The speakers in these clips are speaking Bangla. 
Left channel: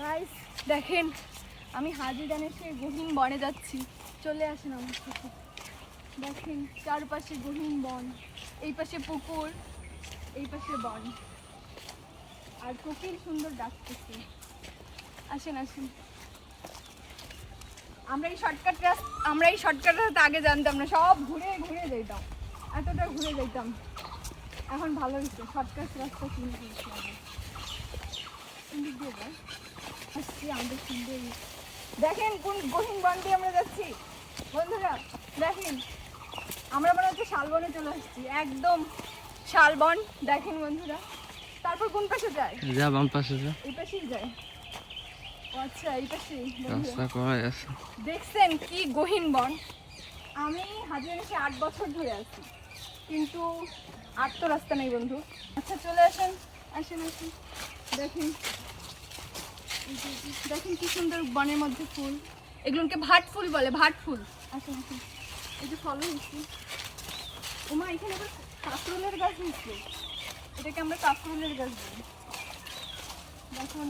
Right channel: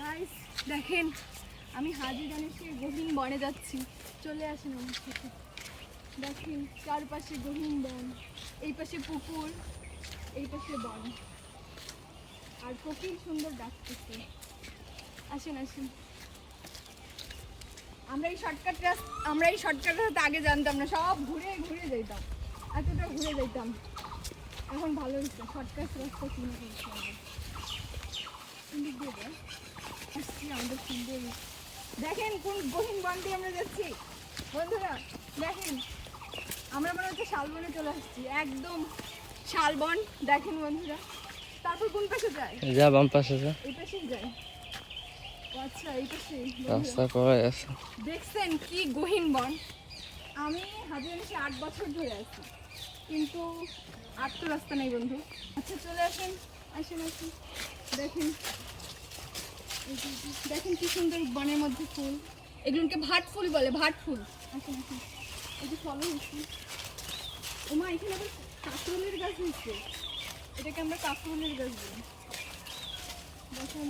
গাইস দেখেন, আমি হাজিরানের সেই গহীন বনে যাচ্ছি। চলে আসেন আমার সাথে। দেখেন চারপাশে গহীন বন, এই পাশে পুকুর, এই পাশে বন, আর কোকিল সুন্দর ডাকতেছে। আসেন আসেন। আমরা এই শর্টকাট রাস্তা আগে জানতাম না, সব ঘুরে ঘুরে যেতাম, এতটা ঘুরে যেতাম। এখন ভালো হচ্ছে শর্টকাট রাস্তা শুনে করছি। আমাদের সুন্দর দেখেন কোন গহীন বন দিয়ে আমরা যাচ্ছি বন্ধুরা। দেখেন আমরা মনে হচ্ছে শালবনে চলে আসছি, একদম শালবন। দেখেন বন্ধুরা, তারপর কোন পাশে যায়? যা বাম পাশে যা, এই পাশেই যায়। আচ্ছা এই পাশে রাস্তা করাই আছে। দেখছেন কি গহীন বন। আমি হাজিরানিতে 8 বছর ধরে আছি, কিন্তু আর তো রাস্তা নেই বন্ধু। আচ্ছা চলে আসেন আসেন আসেন। দেখেন দেখেন কি সুন্দর বনের মধ্যে ফুল, এগুলোকে ভাট ফুল বলে, ভাট ফুল। আসেন আসেন, এই যে ফল হয়েছে। ওমা এখানে আবার কাঁকরোলের গাছ হয়েছে, এটাকে আমরা কাঁকরোলের গাছ বলি। দেখুন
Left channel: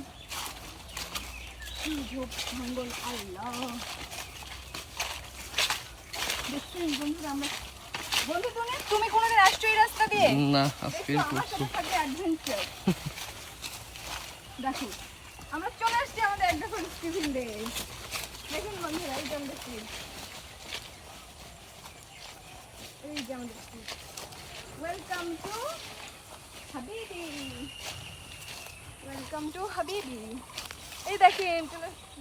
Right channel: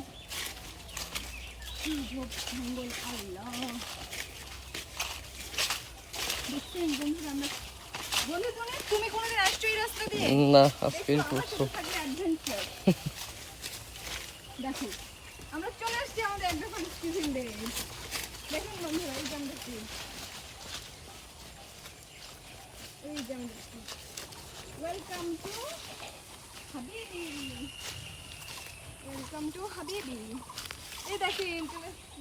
কি ঝোপ জঙ্গল, আল্লাহ। দেখছেন বন্ধুরা, আমরা বন্ধু তুমি কোনোদিন আসছো এই রাস্তা দিয়ে? না, আজকে করছো। দেখো আমরা চলে আসছি আমাদের একদম টিফিন ডে। দেখুন বন্ধুরা, এই যে আমাদের ট্রিপ, এই যে আমাদের trip. Welcome to Habibi, welcome to Habibi. এই দেখেন চলে আসছি।